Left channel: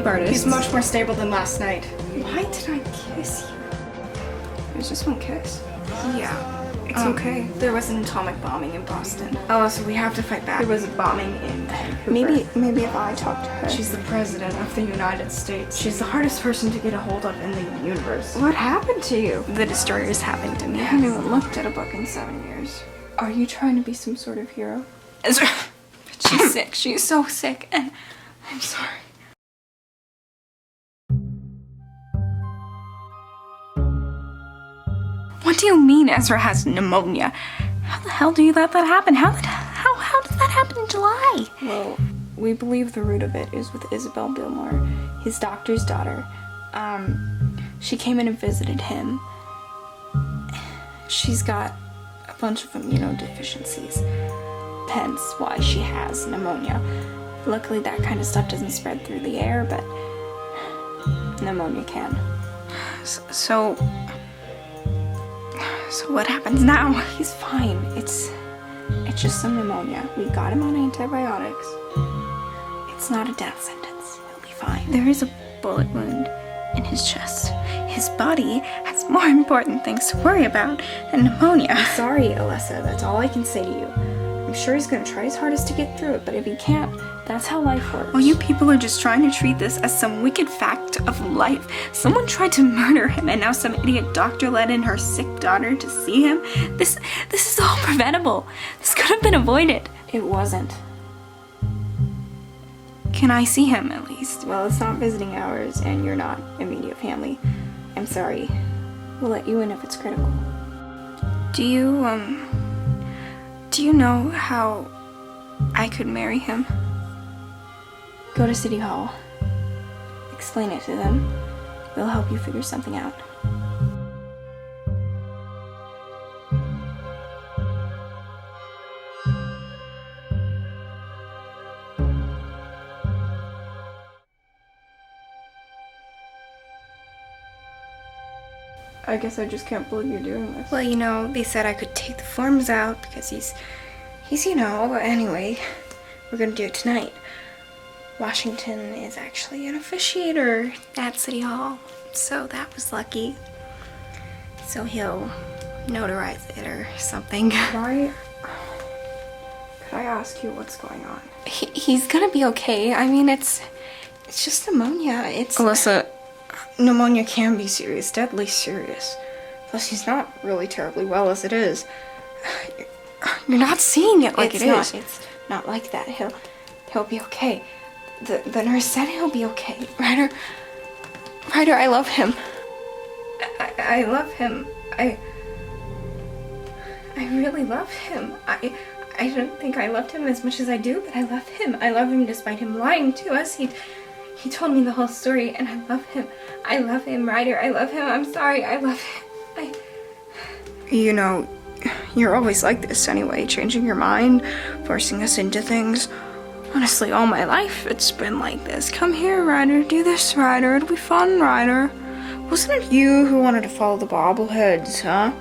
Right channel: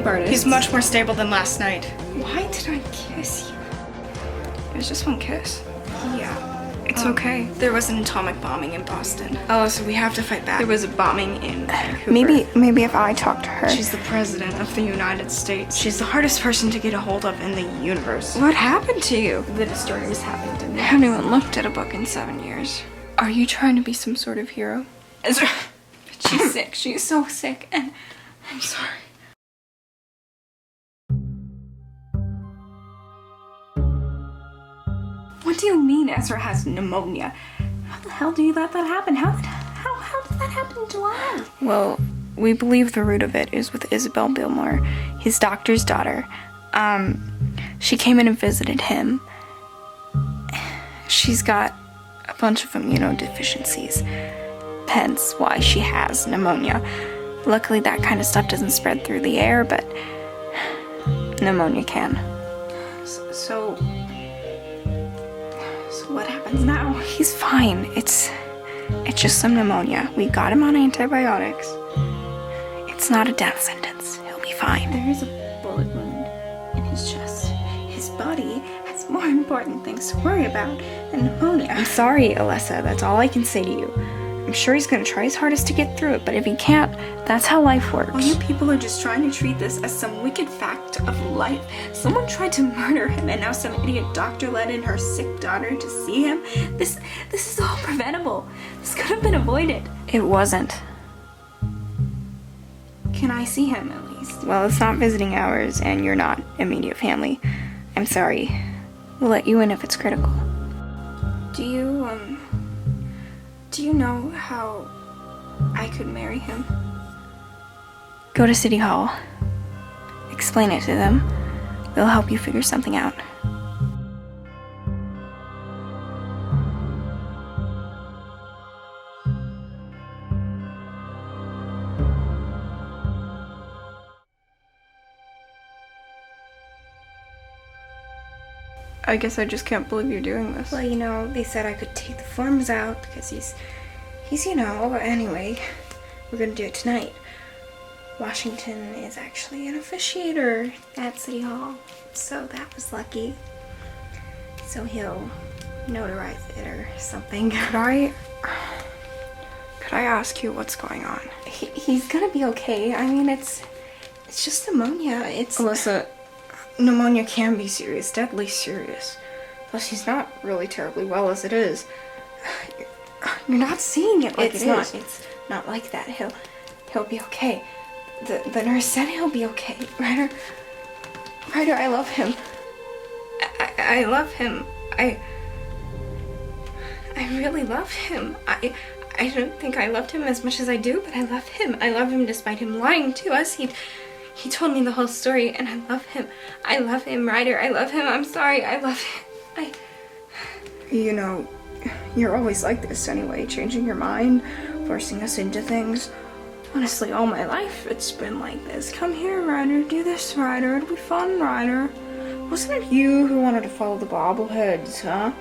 escape artist. He's much more stable than last night. Why did I kiss you? It was just one kiss. Yeah. It's okay. There was an atomic bombing in Boston. Oh, so we have to fight back. There was a bombing in Vancouver. Maybe if I talk to her. She's the president of the United States. She's the hardest person to get a hold of in the universe. What happened to you? The destroyers happened to me. I haven't even looked at a book in 7 years. Are you trying to be some sort of hero? Ezra, she's sick. She's so sick, and I'm sorry. What do you mean Ezra has pneumonia? How the hell do you let that happen? How did that happen in July? Well, we believe the root of it is with Isabel Bilmore, his doctor's daughter. She came in and visited him. She's got a bunch of immunodeficiencies, hence why she has pneumonia. Luckily, that kind of stuff doesn't spread through the air, but pneumonia can. So what happens now? He's fine. It's just some pneumonia. We got him on antibiotics. It's not a death sentence. He'll be fine. There is a bullet wound in his chest. His body has more important things to worry about than pneumonia. I'm sorry, Alessa. That's all I can say to you. I'm sure he's gonna try his hardest to get through it, but if he can't, that's how life works. Well, you people are just trying to treat this as some wicked fact of life. Someone tried to murder him, and now some idiot doctor let in her sick daughter to see him. This is all preventable. This could have been avoided. It wasn't. Can I see him, at least? Well, it's not visiting hours, and you're not immediate family. I'm sorry. We'll let you in if it's critical. Do you know how I could marry him? Go to City Hall. Explain it to them. They'll help you figure something out. I guess I just can't believe you're doing this. Well, you know, they said I could take the forms out because he's, you know, anyway, we're gonna do it tonight. Washington is actually an officiator at City Hall, so that was lucky. So he'll notarize it or something. Could I ask you what's going on? He's gonna be okay. I mean, it's just pneumonia. Alyssa, pneumonia can be serious, deadly serious. Plus, he's not really terribly well as it is. You're not seeing it like It's it not. is. It's not like that. He'll be okay. The nurse said he'll be okay. Ryder, I love him. I love him. I really love him. I don't think I loved him as much as I do, but I love him. I love him despite him lying to us. He told me the whole story, and I love him. I love him, Ryder. I love him. I'm sorry. I love him. You know, you're always like this anyway, changing your mind, forcing us into things. Honestly, all my life it's been like this. Come here, Ryder. Do this, Ryder. It'll be fun, Ryder. Wasn't it you who wanted to follow the bobbleheads, huh?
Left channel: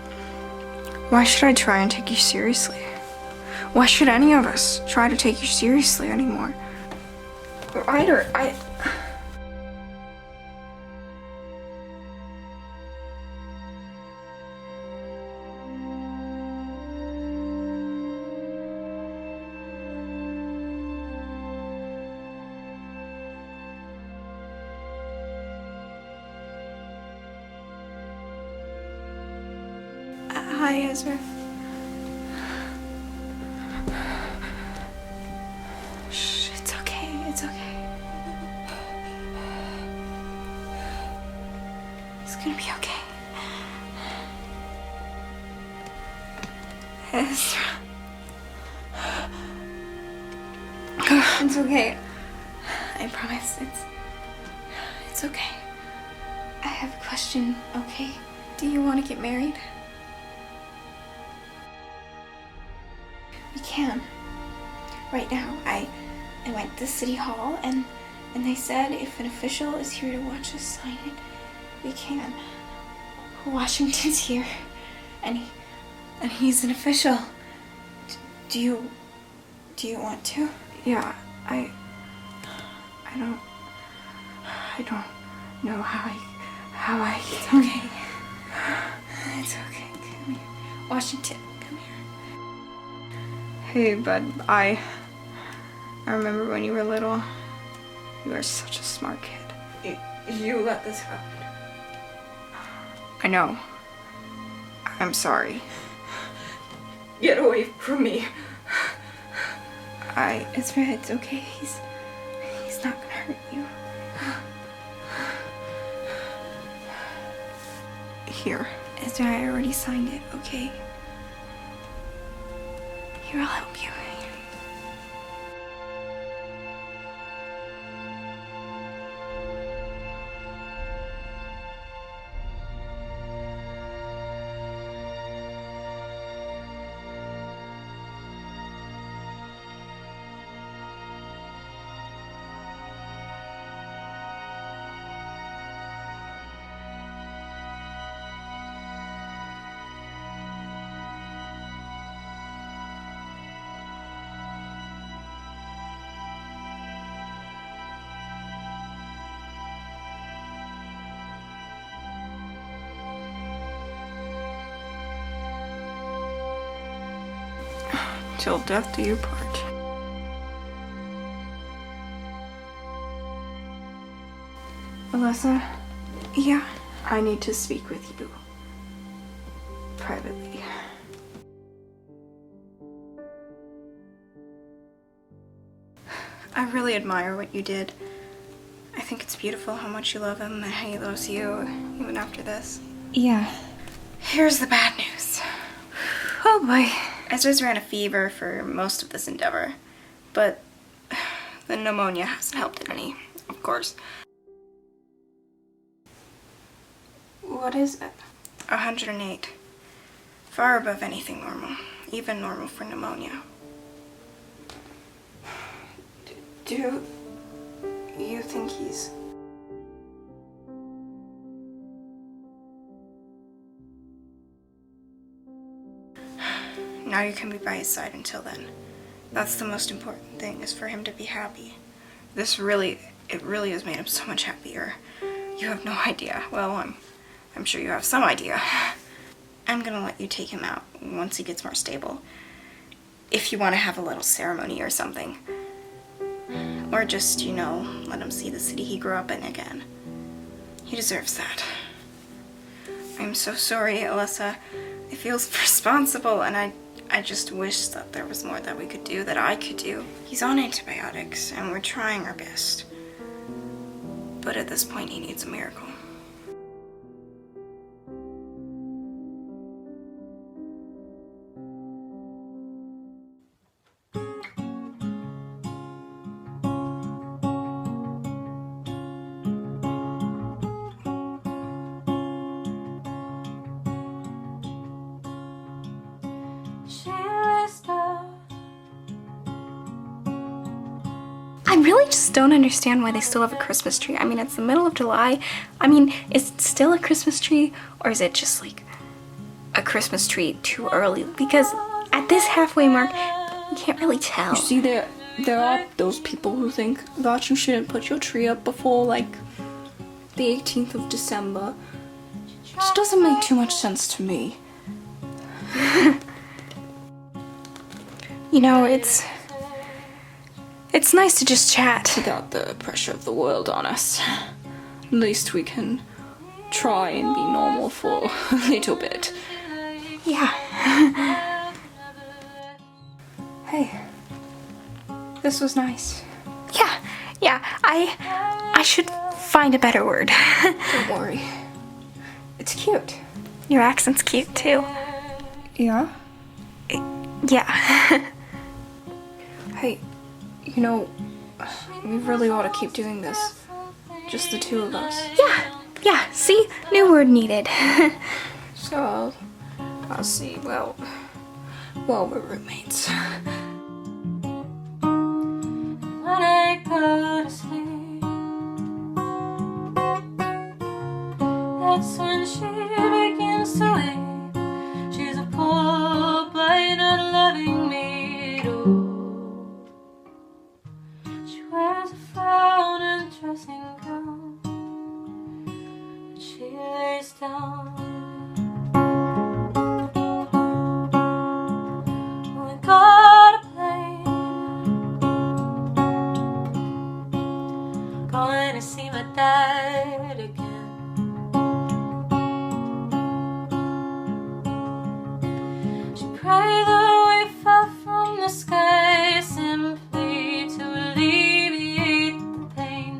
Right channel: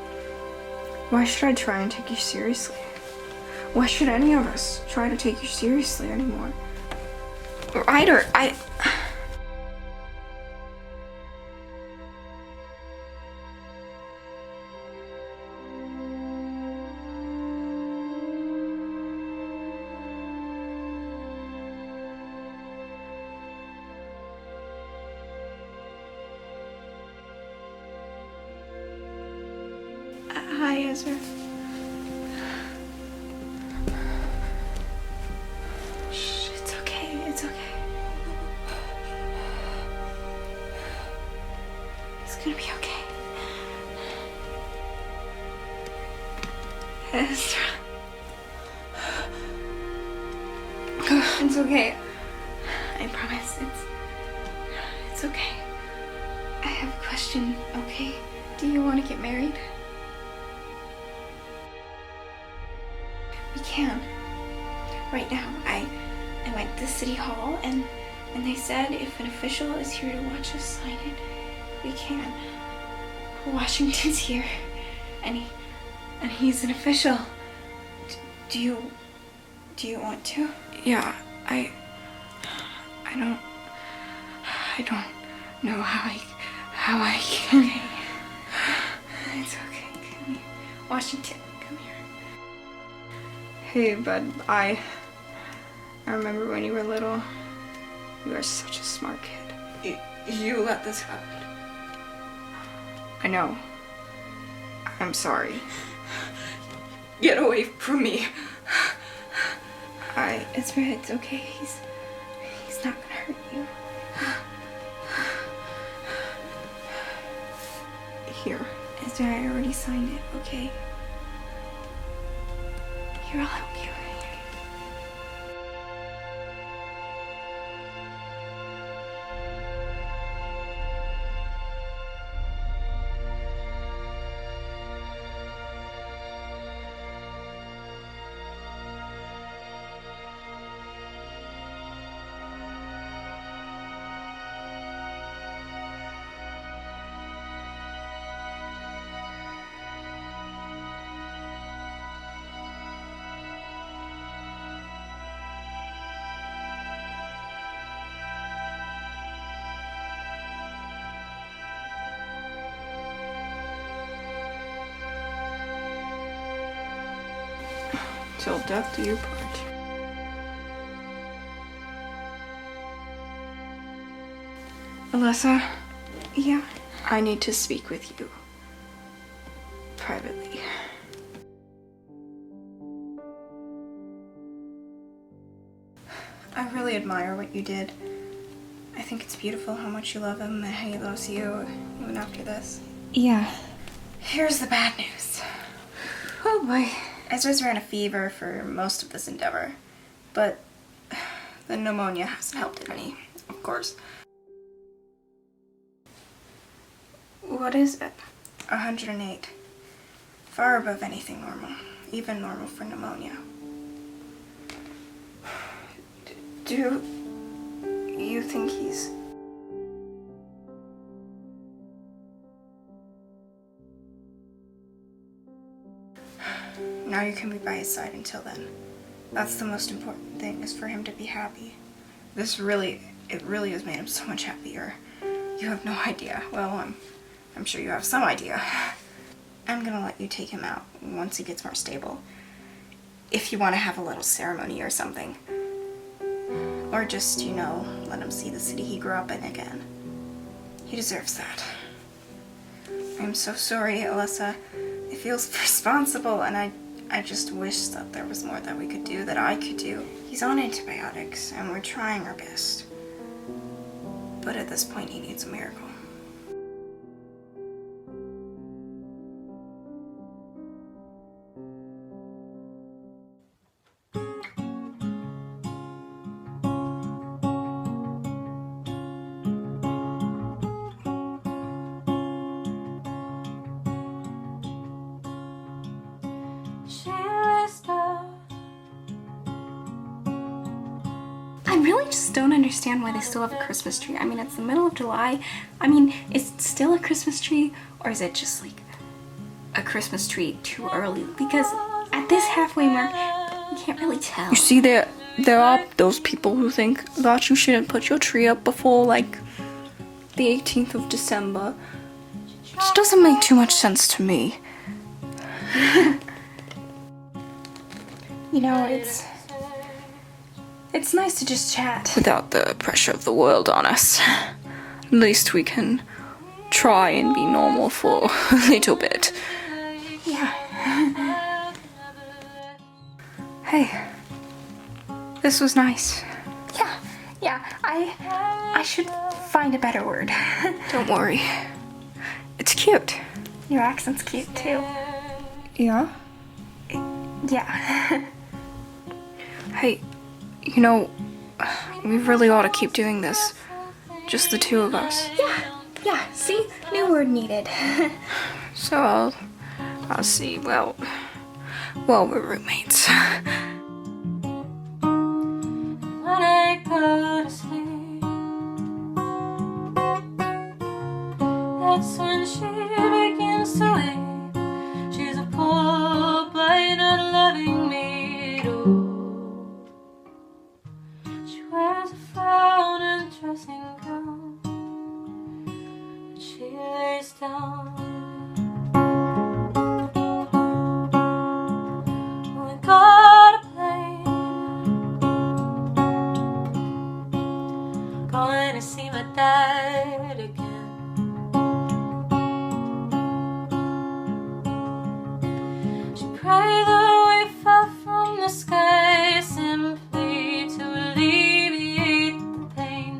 Why should I try and take you seriously? Why should any of us try to take you seriously anymore? Ryder, Hi, Ezra. Shh, it's okay. It's okay. It's gonna be okay. Ezra. It's okay. I promise. It's okay. I have a question, okay? Do you want to get married? We can. Right now, I went to City Hall and they said if an official is here to watch us sign it, we can. Washington's here, and he's an official. Do you want to? Yeah, I I don't know how I can. Okay. It's okay. Come here. Washington, come here. Hey, bud, I remember when you were little. You were such a smart kid. You let this happen. I know. I'm sorry. Get away from me. Ezra, it's okay. He's not gonna hurt you. Here. Ezra, I already signed it, okay? Here, I'll help you. Till death do you part. Alyssa, Yeah. I need to speak with you. Privately. I really admire what you did. I think it's beautiful how much you love him and how he loves you, even after this. Yeah. Here's the bad news. Oh boy. Ezra's ran a fever for most of this endeavor, but the pneumonia hasn't helped it any, of course. What is it? 108. Far above anything normal, even normal for pneumonia. Do you think he's... Now you can be by his side until then. That's the most important thing, is for him to be happy. It really has made him so much happier. You have no idea. Well, I'm sure you have some idea. I'm gonna let you take him out once he gets more stable. If you want to have a little ceremony or something. Or just, let him see the city he grew up in again. He deserves that. I'm so sorry, Alyssa. It feels responsible, and I just wish that there was more that we could do, that I could do. He's on antibiotics, and we're trying our best. But at this point, he needs a miracle. I really just don't understand why they still have a Christmas tree. I mean, it's the middle of July. I mean, is it still a Christmas tree, or is it just like a Christmas tree too early? Because at this halfway mark, you can't really tell. You see, there are those people who think that you shouldn't put your tree up before, like, the 18th of December. Which doesn't make too much sense to me. It's nice to just chat. Without the pressure of the world on us. At least we can try and be normal for a little bit. Yeah. Hey, this was nice. Yeah, I should find a better word. Don't worry. It's cute. Your accent's cute too. Yeah? Yeah. Hey, we really ought to keep doing this. Just the two of us. Yeah, see? New word needed. So I'll see. Well, we're roommates. When I go to sleep, that's when she begins to weep. She's a poor by not loving me at all. She wears a frown and dressing gown. face down. We got a plane, going to see my dad again. She prayed that we fell from the sky simply to alleviate the pain.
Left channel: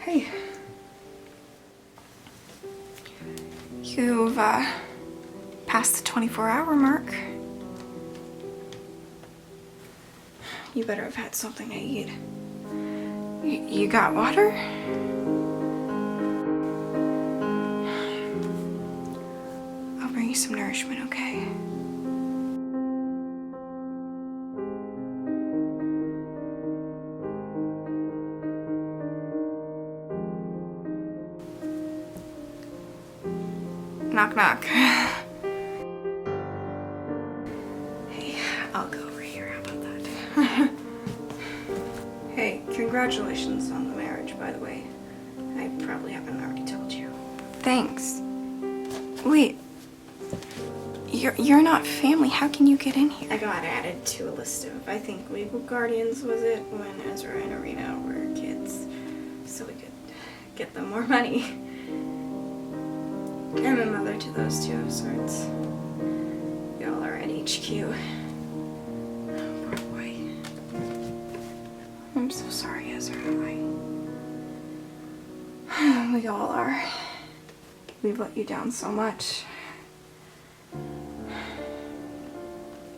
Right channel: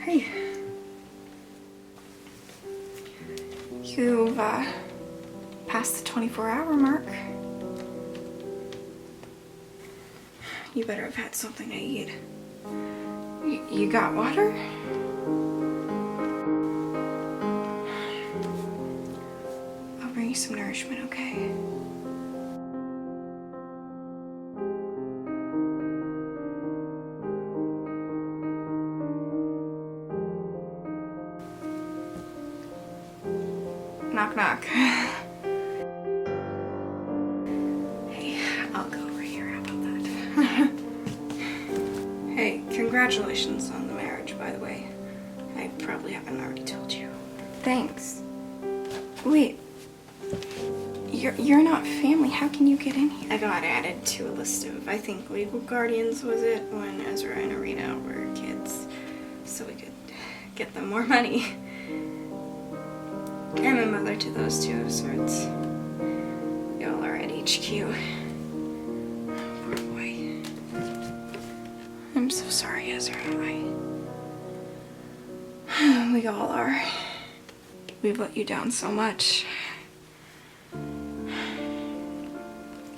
Hey. You've, passed the 24-hour mark. You better have had something to eat. You got water? I'll bring you some nourishment, okay? Knock, knock. Hey, I'll go over here. How about that? Hey, congratulations on the marriage, by the way. I probably haven't already told you. Thanks. Wait. You're not family. How can you get in here? I got added to a list of, I think, legal guardians, was it? When Ezra and Arena were kids. So we could get them more money. I'm a mother to those two of sorts. Y'all are at HQ. Poor boy. I'm so sorry, Ezra. We all are. We've let you down so much.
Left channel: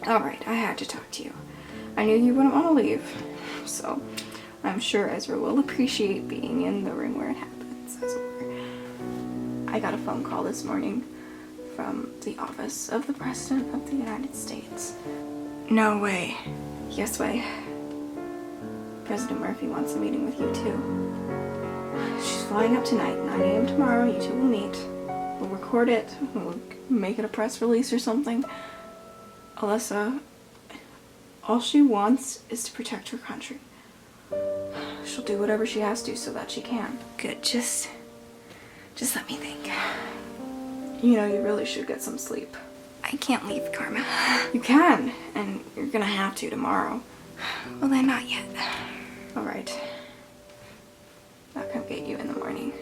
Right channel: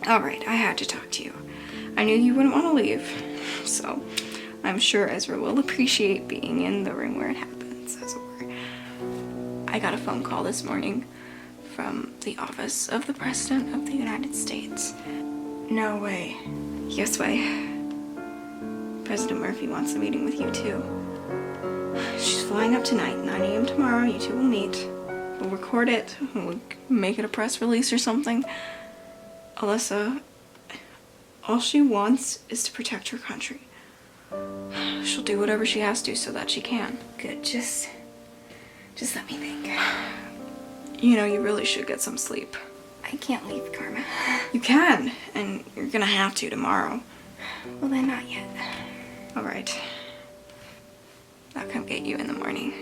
Alright, I had to talk to you. I knew you wouldn't want to leave, so I'm sure Ezra will appreciate being in the room where it happens, as it were. I got a phone call this morning from the office of the President of the United States. No way. Yes way. President Murphy wants a meeting with you too. She's flying up tonight, 9 a.m. tomorrow. You two will meet. We'll record it. We'll make it a press release or something. Alyssa, all she wants is to protect her country. She'll do whatever she has to so that she can. Good, just let me think. You know, you really should get some sleep. I can't leave, Karma. You can, and you're gonna have to tomorrow. Well, then not yet. Alright. I'll come get you in the morning.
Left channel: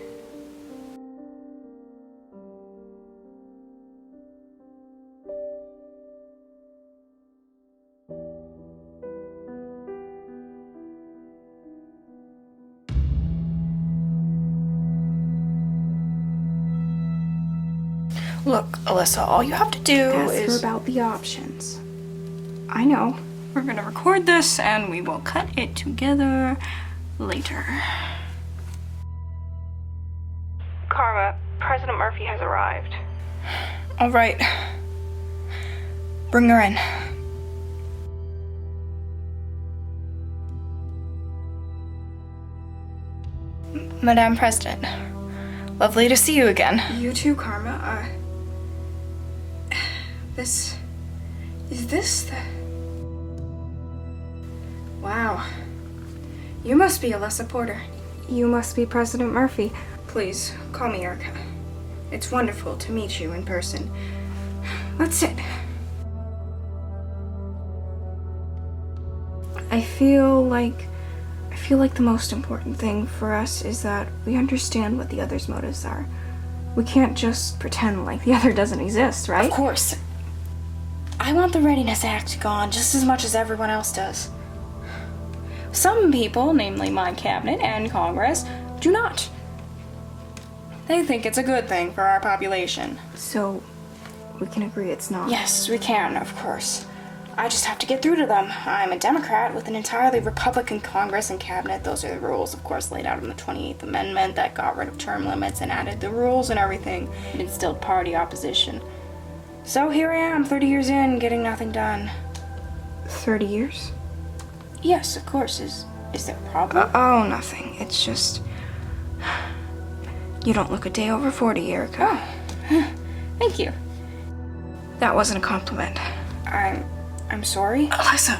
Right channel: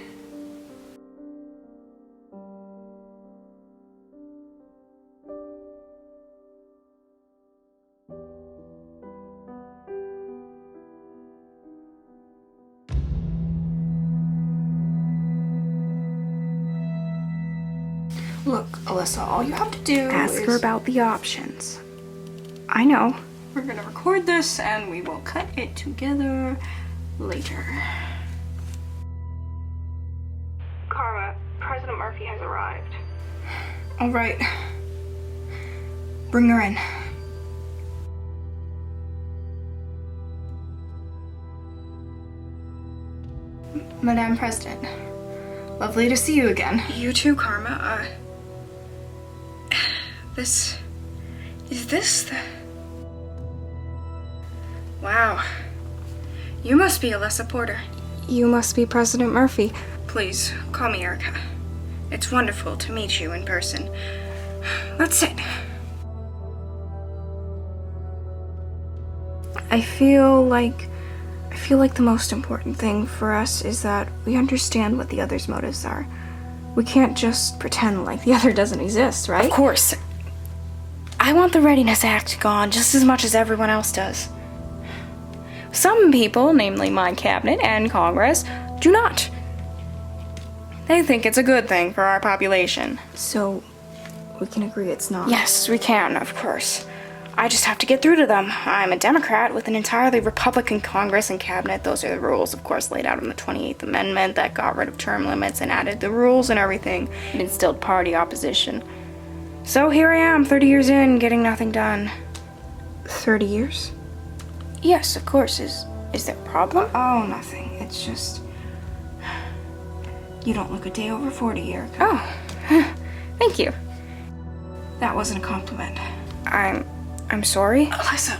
Look, Alyssa, all you have to do Ask her is about the options. I know. we're gonna record this and we will cut it together later. Karma, President Murphy has arrived. All right. Bring her in. Madame President, lovely to see you again. You too, Karma. Is this the... Wow. You must be Alyssa Porter. You must be President Murphy. Please, call me Erica. It's wonderful to meet you in person. Let's sit. I feel like the most important thing for us is that we understand what the other's motives are. We can't just pretend like the other doesn't exist, right? Of course. I want the Readiness Act gone just as much as everyone else does. Some people, namely my cabinet and Congress, do not. They think it's a good thing for our population. So, we can agree it's not. Yes, we can, of course. I just have to get through to them. I'm a Democrat with an entirely Republican Congress and cabinet. Those are the rules, of course, laid out in the 28th Amendment that got rid of term limits and added the rules and everything and instilled party opposition. So here I am, 30 years in, getting nothing done. 30 years? Yes, of course. Is there a problem? Oh, nothing. It's just... You don't look a day over 40, Erica. Oh, thank you. That wasn't a compliment. I'm sorry. Alyssa,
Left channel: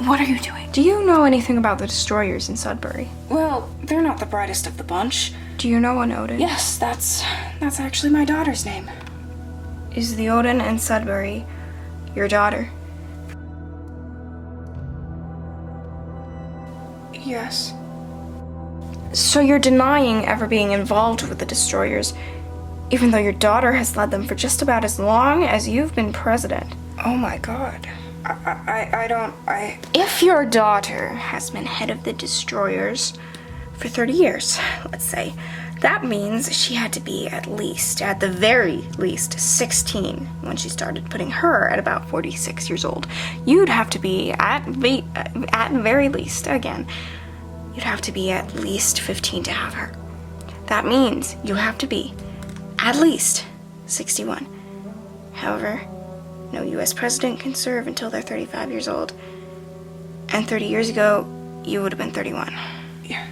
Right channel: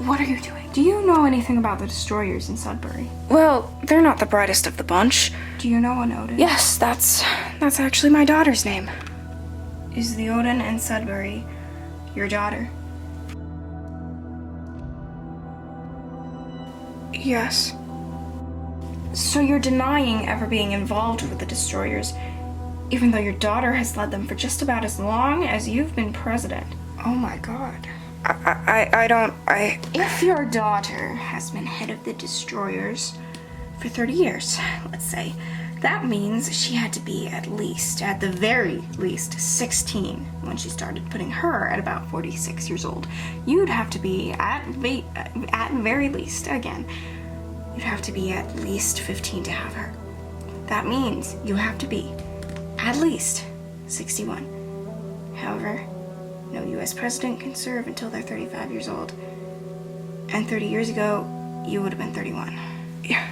what are you doing? Do you know anything about the destroyers in Sudbury? Well, they're not the brightest of the bunch. Do you know an Odin? Yes, that's actually my daughter's name. Is the Odin in Sudbury your daughter? Yes. So you're denying ever being involved with the destroyers, even though your daughter has led them for just about as long as you've been president. Oh my god. If your daughter has been head of the destroyers for 30 years, let's say, that means she had to be at the very least, 16 when she started, putting her at about 46 years old. You'd have to be at very least, again, you'd have to be at least 15 to have her. That means you have to be at least 61. However, no US president can serve until they're 35 years old. And 30 years ago, you would have been 31. Yeah,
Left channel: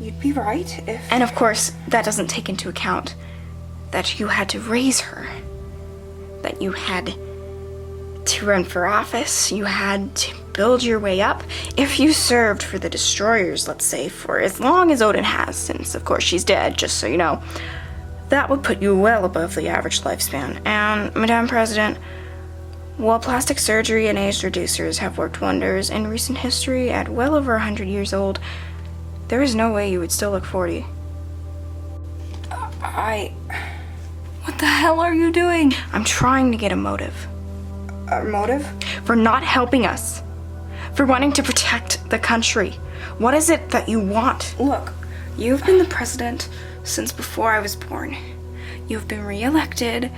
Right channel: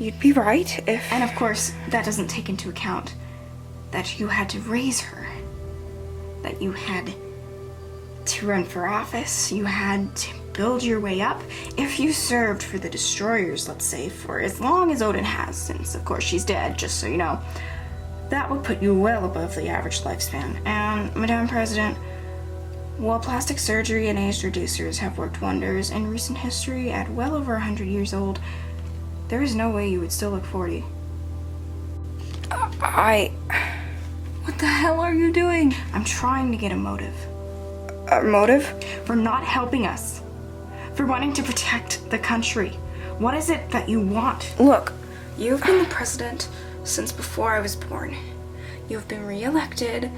you'd be right if... And of course, that doesn't take into account that you had to raise her, that you had to run for office, you had to build your way up. If you served for the destroyers, let's say, for as long as Odin has, since of course she's dead, just so you know, that would put you well above the average lifespan. And, Madame President, while plastic surgery and age reducers have worked wonders in recent history at well over 100 years old, there is no way you would still look 40. What the hell are you doing? I'm trying to get a motive. A motive? For not helping us. For wanting to protect the country. What is it that you want? Look, you've been the president since before I was born. You've been re-elected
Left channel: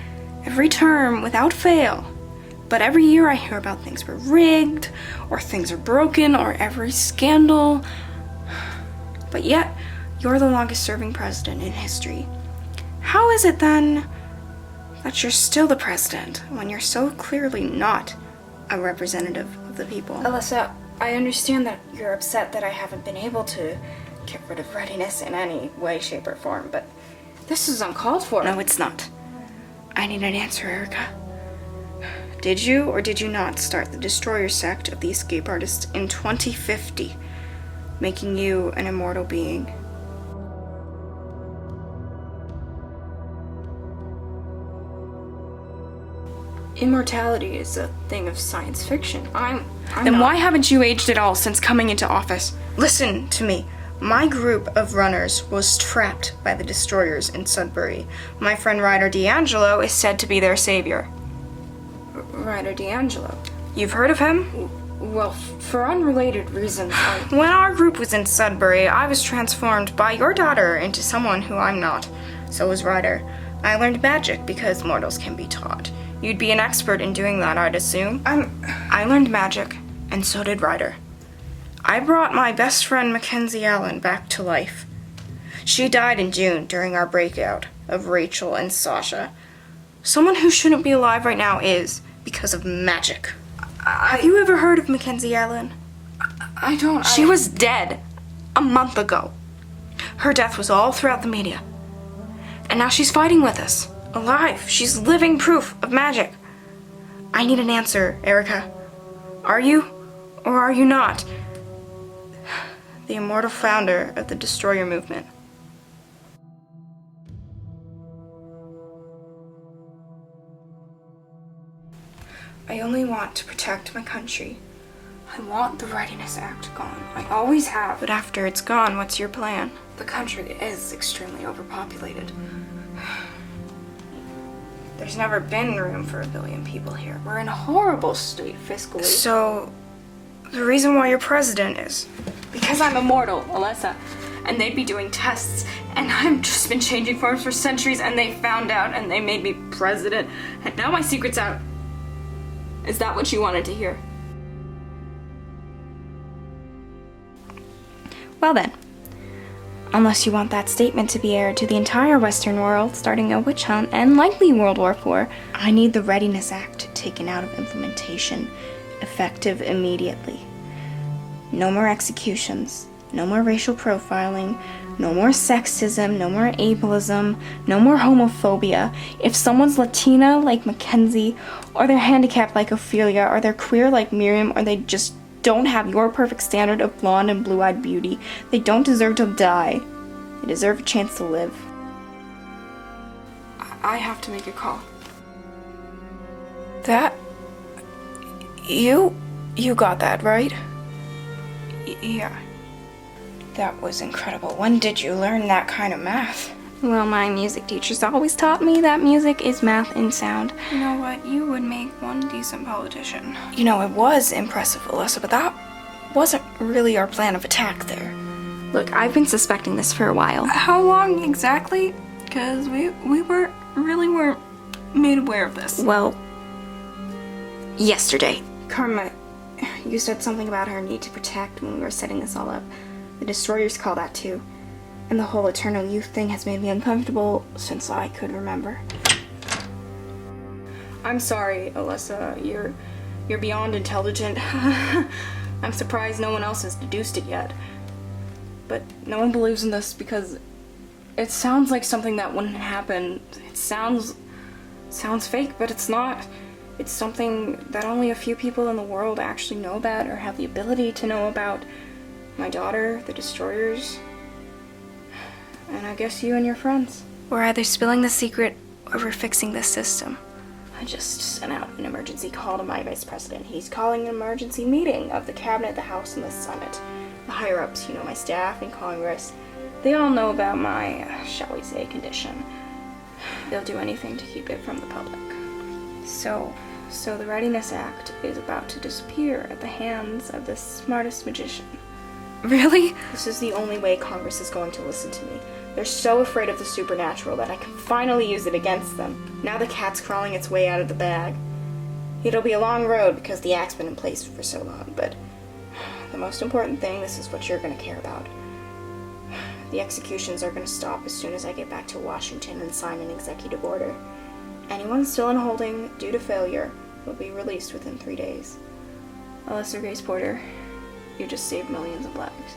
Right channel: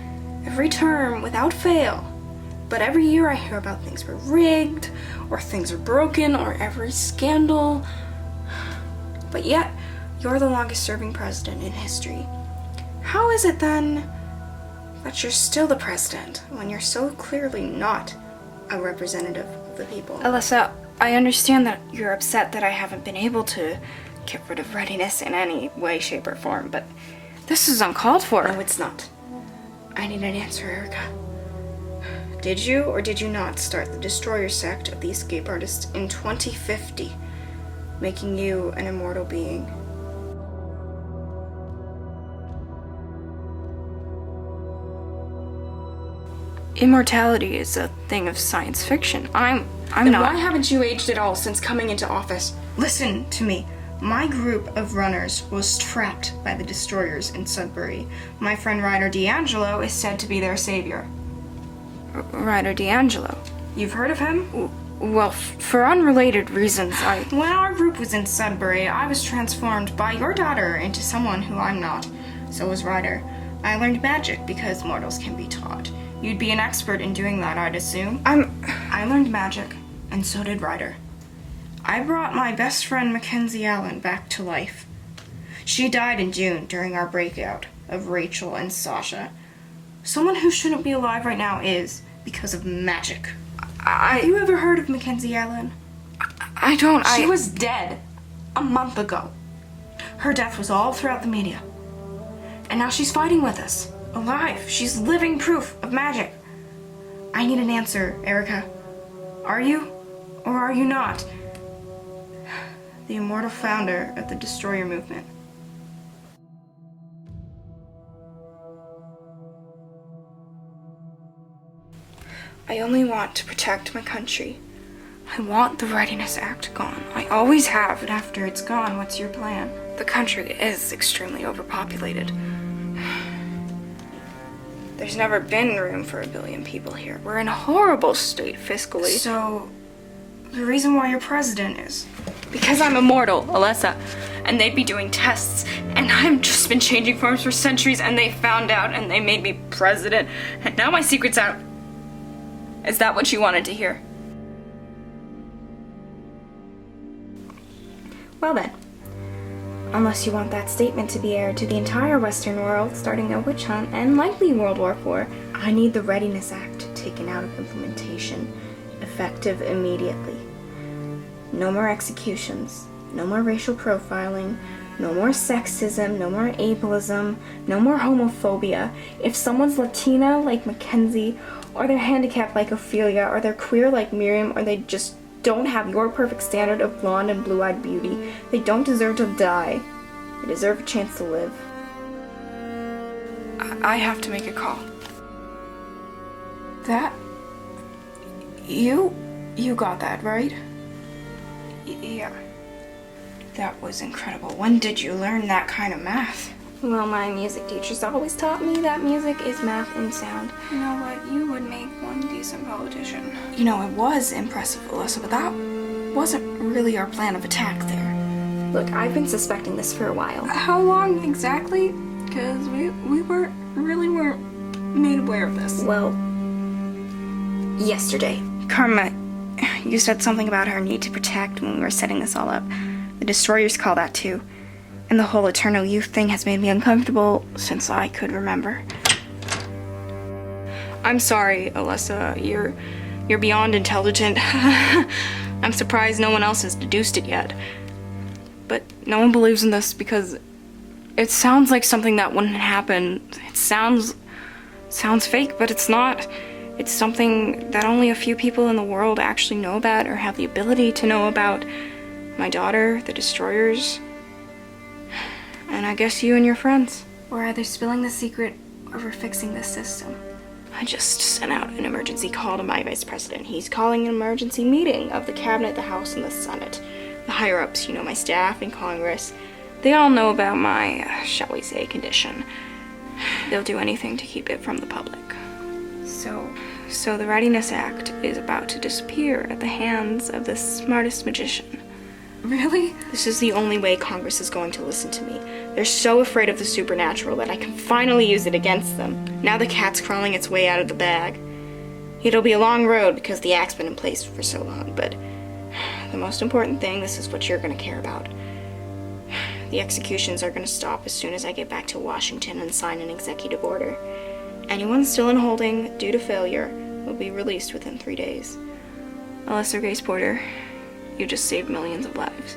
every term without fail. But every year I hear about things were rigged, or things are broken, or every scandal. But yet, you're the longest serving president in history. How is it then that you're still the president when you're so clearly not a representative of the people? Alyssa, I understand that you're upset that I haven't been able to get rid of readiness in any way, shape, or form, but this is uncalled for. No, it's not. I need an answer, Erica. Did you or did you not start the Destroyer sect of the escape artists in 2050, making you an immortal being? Immortality is a thing of science fiction. I'm Then not. why haven't you aged at all since coming into office? Listen to me. My group of runners was trapped by the destroyers in Sudbury. My friend Ryder D'Angelo is said to be their savior. Ryder D'Angelo. You've heard of him? Well, for unrelated reasons, When our group was in Sudbury, I was transformed by your daughter into someone who I'm not. So was Ryder. I learned magic because mortals can be taught. You'd be an expert in doing that, I'd assume. I learned magic, and so did Ryder. I brought my best friend Mackenzie Allen back to life. She died in June during our breakout of Rachel and Sasha. Someone who shouldn't be alive right now is, because of magic. Have you ever heard of Mackenzie Allen? I don't. She was dead a month ago. Her death was all throughout the media. And now she's fighting with us, alive. She's living proof of magic. I need an answer, Erica. Are you, or are you not, the immortal founder of the Destroyer movement? I only want to protect my country. I want the Readiness Act gone. I always have. But after it's gone, what's your plan? The country is extremely overpopulated. There's never been room for 1 billion people here. We're in a horrible state fiscally. So, the reason why you're president is Because I'm immortal, Alyssa. And they'd be doing tests, and I've just been changing forms for centuries, and they found out, and they made me president, and now my secret's out. Is that what you wanted to hear? Well then, unless you want that statement to be aired to the entire Western world, starting a witch hunt and likely World War IV, I need the Readiness Act taken out of implementation, effective immediately. No more executions, no more racial profiling, No more sexism, no more ableism, no more homophobia. If someone's Latina like Mackenzie, or they're handicapped like Ophelia, or they're queer like Miriam, or they just don't have your perfect standard of blonde and blue-eyed beauty, they don't deserve to die. They deserve a chance to live. I have to make a call. That... You got that, right? Yeah. That was incredible. When did you learn that kind of math? Well, my music teachers always taught me that music is math and sound. You know what? You would make one decent politician. You know, it was impressive, Alyssa, but that wasn't really our plan of attack there. Look, I've been suspecting this for a while. How long exactly? Because we weren't made aware of this. Well, yesterday. Karma, you said something about her need to protect when we were setting this all up. The destroyers call that too. And the whole eternal youth thing has made me uncomfortable since I could remember. I'm sorry, Alyssa. You're beyond intelligent. I'm surprised no one else has deduced it yet. But no one believes in this because it sounds like something that wouldn't happen. It sounds fake, but it's not. It's something that only a few people in the world actually know about or have the ability to know about. My daughter, the destroyers, and I guess you and your friends. We're either spilling the secret or we're fixing this system. I just sent out an emergency call to my vice president. He's calling an emergency meeting of the cabinet, the House, and the Senate. The higher-ups, my staff in Congress, they all know about my, shall we say, condition. They'll do anything to keep it from the public. So the Readiness Act is about to disappear at the hands of the smartest magician. Really? This is the only way Congress is going to listen to me. They're so afraid of the supernatural that I can finally use it against them. Now the cat's crawling its way out of the bag. It'll be a long road because the act's been in place for so long, but the most important thing, this is what you're going to care about. The executions are going to stop as soon as I get back to Washington and sign an executive order. Anyone still in holding due to failure will be released within 3 days. Alyssa Grace Porter, you just saved millions of lives.